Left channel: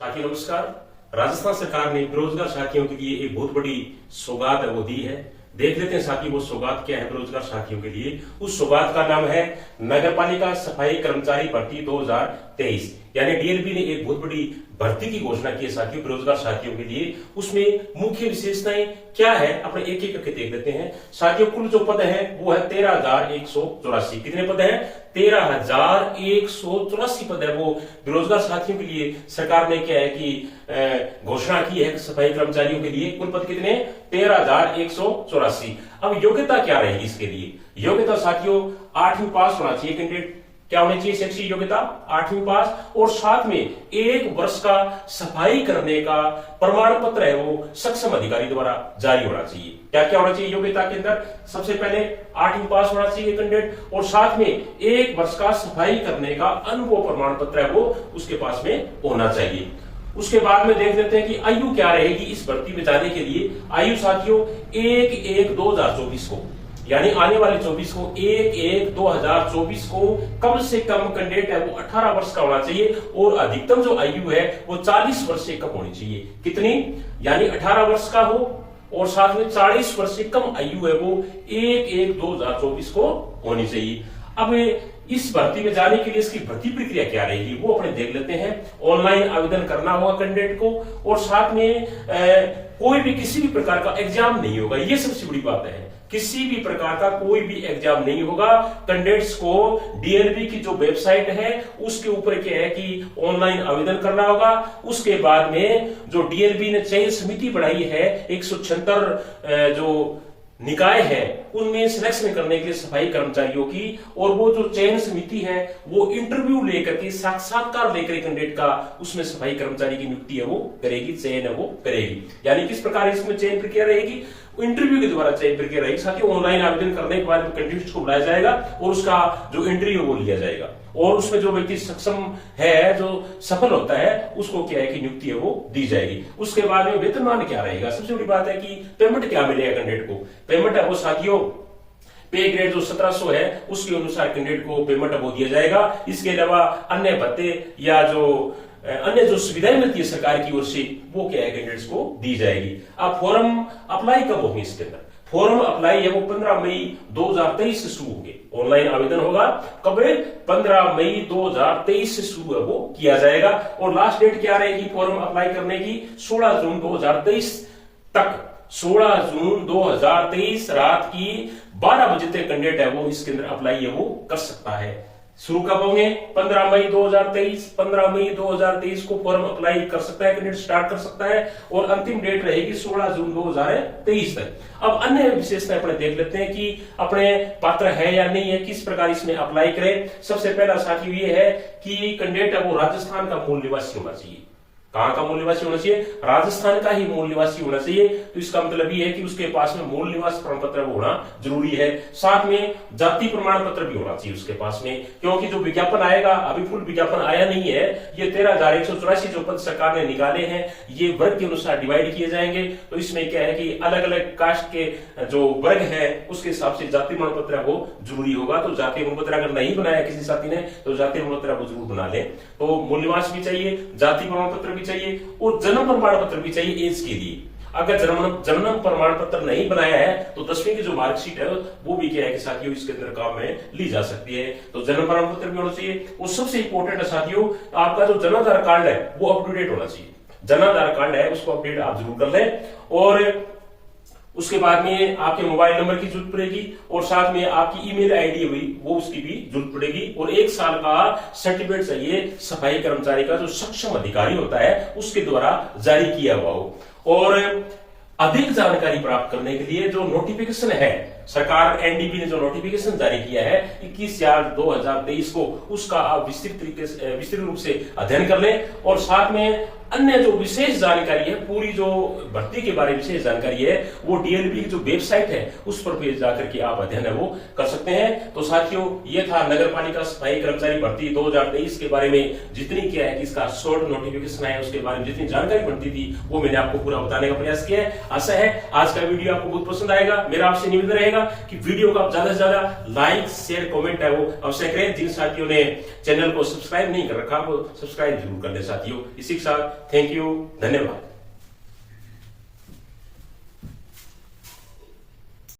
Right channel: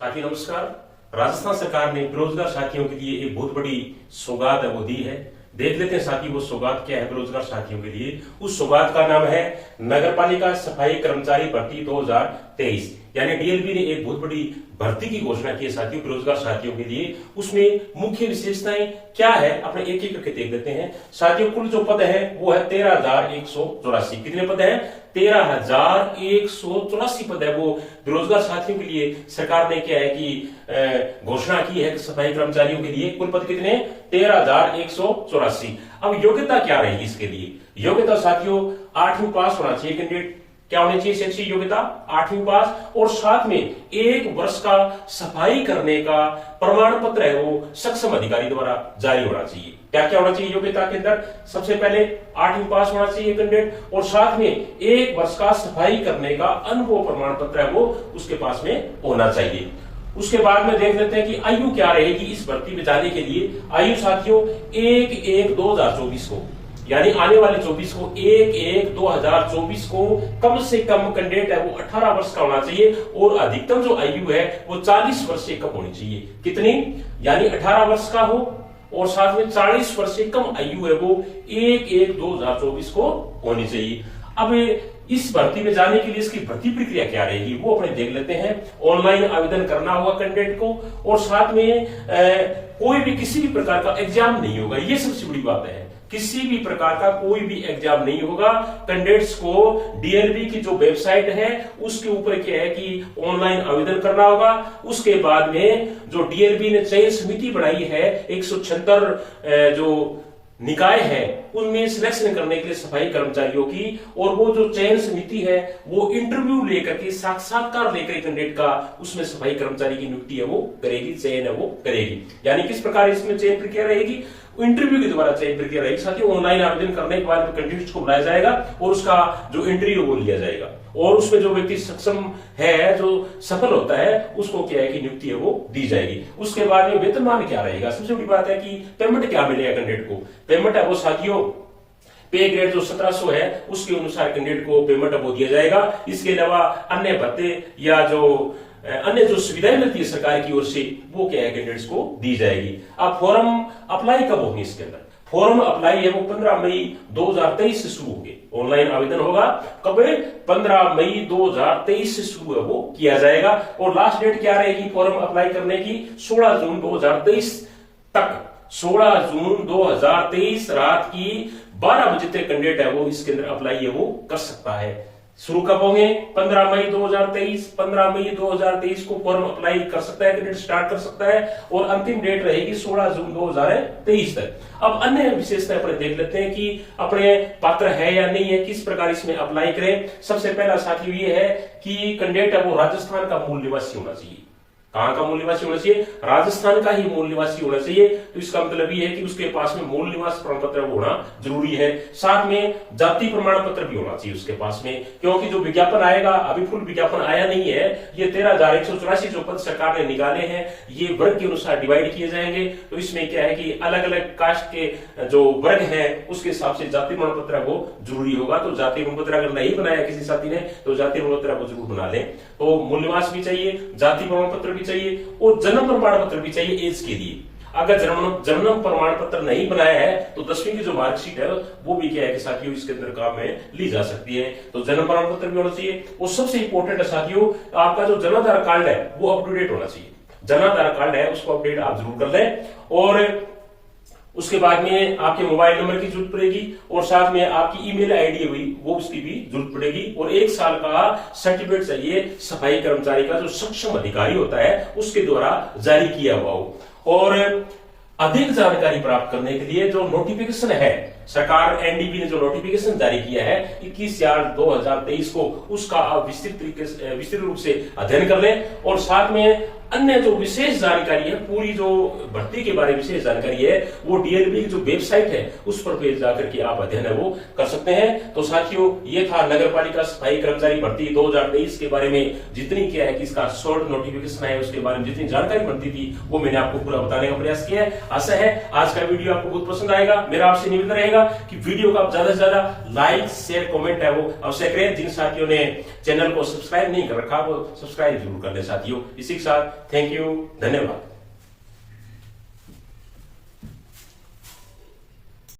साथियों नमस्कार। राजस्थान सरकार ने बेरोजगार साथियों के लिए एक बहुत बड़ी सौगात है वो दी है। देख लेते हैं साथी वो सौगात क्या है बेरोजगार साथियों के लिए। उस सौगात का नाम है नगरपालिका सफाई कर्मचारी भर्ती 2023। यानी डीएलबी ने एक बहुत बड़ी भर्ती की घोषणा की है साथियों बेरोजगार साथियों के लिए। उसमें मुख्य विशेषताएं क्या है अपने एक एक करके देख लेते हैं साथियों। कुल जो पद है वो है 13,184। कितने पद है? 13,184 पद है वो बेरोजगार साथियों के लिए सरकार ने क्या है कि घोषणा की है सफाई कर्मचारियों के लिए। कुल पद कितने? 13,184। अब योग्यता क्या रहेगी इसके लिए? योग्यता साथियों 8वीं पास होना चाहिए कैंडिडेट। क्या होनी चाहिए? शैक्षिक योग्यता 8वीं पास और साथ में 1 वर्ष का सफाई करने का प्रमाण पत्र है वो सक्षम अधिकारी द्वारा जारी होना चाहिए। क्या क्या होना चाहिए योग्यता के अंदर? सबसे पहले 8वीं पास होना चाहिए कैंडिडेट और साथ में 1 वर्ष का सफाई करने का अनुभव प्रमाण पत्र है वो उसके पास में होना चाहिए। उसके बाद में देख लेते हैं कि आयु क्या रहेगी इस भर्ती में जाने के लिए। आयु साथियों 1/1/2024 को यानी आने वाले 24 को 1/1/2024 को कम से कम कैंडिडेट है वो 18 वर्ष का होना चाहिए और अधिकतम जो आयु है वो 40 वर्ष से कम होनी चाहिए। कितनी? यानी 18 वर्ष का हो और साथ में 40 वर्ष से कम आयु है वो 1/1/2024 को होनी चाहिए। अब इस भर्ती में जाने के लिए इसकी भर्ती प्रक्रिया क्या रहेगी वो अपने देख लेते हैं। ऑनलाइन आवेदन करना होगा कैंडिडेट को और साथ में कोई भी किसी भी प्रकार का एग्जाम नहीं होगा। ये सबसे बड़ी बात है, किसी भी प्रकार का कोई भी एग्जाम नहीं होगा। कैंडिडेट्स को डीएलबी की जो वेबसाइट है उसके ऊपर क्या है कि ऑनलाइन आवेदन करना होगा। उसके बाद में जो डीएलबी ने चयन समिति बनाई है 176 जो निकाय है उनमें सिलेक्शन करने के लिए सफाई कर्मचारियों की, और वो जो चयन समिति है वो इंटरव्यू लेकर के साक्षात्कार लेकर कैंडिडेट का उसमें सफाई कर्मचारी की नियुक्ति है वो करेगी, चयन है वो करेगी। यानी किस प्रकार इसमें चयन प्रक्रिया रहेगी? इंटरव्यू के द्वारा चयन प्रक्रिया रहेगी साथियों। ऑनलाइन आवेदन करने के बाद कैंडिडेट को बुलाया जाएगा और उसका जो इंटरव्यू वो लिया जाएगा और उसमें जो व्यक्ति सक्षम है जो सफल होता है उसको क्या है कि नियुक्ति है वो दी जाएगी। उसके बाद में वेतनमान क्या रहेगा? सबसे बड़ी बात है कि पेमेंट क्या मिलेगा कैंडिडेट को। पेमेंट है वो साथियों पे ग्रेड जो 1700 है उसके अनुसार कैंडिडेट को पेमेंट वो दिया जाएगा। इसके अलावा अन्य भत्ते या जो अन्य जो सुविधाएं मिलती है सरकार की ओर से वो क्या है कैंडिडेट्स को दी जाएगी। अब फॉर्म अप्लाई कब होंगे इसके अंदर? फॉर्म अप्लाई है वो 15 मई 2023 से शुरू होंगे। ऑनलाइन आवेदन होगा कब? 15 मई 2023 से शुरू है वो किया जाएगा और लास्ट डेट क्या रहेगी फॉर्म अप्लाई करने की? 16 जून 2023 तक। 16 जून 2023 रात की 12 बजे तक कैंडिडेट है वो इसके अंदर अप्लाई है वो कर सकता है। शुरू कब होंगे? 15 मई 2023। 15 मई 2023 को फॉर्म अप्लाई कर सकता है कैंडिडेट, स्टार्ट कर सकता है और अंतिम डेट रहेगी 16 जून 2023 तक। अब अन्य विशेषताएं अपने देख लेते हैं कि अपने पात्र है या नहीं है, किस प्रकार इसमें अप्लाई करें। सबसे पहला साथियों ये है कि कैंडिडेट है वो राजस्थान का मूल निवासी होना चाहिए। कहां का मूल निवासी होना चाहिए? राजस्थान का ही मूल निवासी होना चाहिए। तो इसका मतलब ये है कि उसके पास में मूल निवास प्रमाण पत्र होना जरूरी है। साथ में जाति प्रमाण पत्र भी होना चाहिए उसके पास में, क्योंकि जो विज्ञापन आएगा अभी फुल विज्ञापन आया नहीं है। ये 13,184 जो पद सरकार ने निकाले हैं ये वर्ग के अनुसार डिवाइड किए जाएंगे। तो इसमें क्या है कि अलग अलग कास्ट के जो वर्ग है उसके हिसाब से जाति प्रमाण पत्र वो जरूरी होगा। तो जाति प्रमाण पत्र अगर नहीं बनाया किसी साथी ने तो जाति प्रमाण पत्र वो जरूर बना ले। तो मूल निवास भी चाहिए, जाति प्रमाण पत्र भी चाहिए और जन्म प्रमाण पत्र भी चाहिए एज के लिए। अगर जन्म प्रमाण पत्र नहीं बनाया है तो 10वीं की जो मार्कशीट है वो भी क्या है कि साथियों इसके अंदर काम में ली जा सकती है। तो जन्म प्रमाण पत्र भी होना चाहिए। और सबसे इंपॉर्टेंट है साथियों आपका जो जन्माधार कार्ड है वो अप टू डेट होना चाहिए। जन्माधार कार्ड है उसको अपडेट आप जरूर कर लें। और उसके बाद में आपके मोबाइल नंबर की जरूरत पड़ेगी और साथ में आपकी ईमेल आईडी हुई वो उसकी भी जरूरत पड़ेगी और 1 साल का सर्टिफिकेट चाहिए सफाई कर्मचारी का जो सक्षम अधिकारी होता है उसके द्वारा जारी किया हुआ हो। और अधिक जानकारी प्राप्त करने के लिए जो नोटिफिकेशन है सरकार एनडीबी ने जो नोटिफिकेशन जारी किया है 21/4/2023 को उसका आप विस्तृत रूप से अध्ययन कर लें। और साथ में अन्य जो विशेष जानकारी है पूरी जो भर्ती के बारे में विशेष जानकारी है वो डीएलबी की जो वेबसाइट है उस पर पेज जाकर के आप अध्ययन है वो कर सकते हैं। तो साथियों ये था नगरपालिका सफाई कर्मचारी भर्ती 2023 के बारे में जितनी क्या है कि इसका शॉर्ट नोटिफिकेशन है उसके बारे में जितनी जानकारी बनती थी वो मैंने आपको पूरा बताने का प्रयास किया है। आशा है आज का वीडियो आपको बहुत पसंद आएगा। मेरा आपसे निवेदन रहेगा कि वीडियो को आप ज्यादा से ज्यादा लाइक शेयर कमेंट है वो अवश्य करें। जिन साथियों ने चैनल को सब्सक्राइब नहीं कर रखा वो सब्सक्राइब जरूर कर ले साथियों। इसी के साथ थैंक यू, धन्यवाद।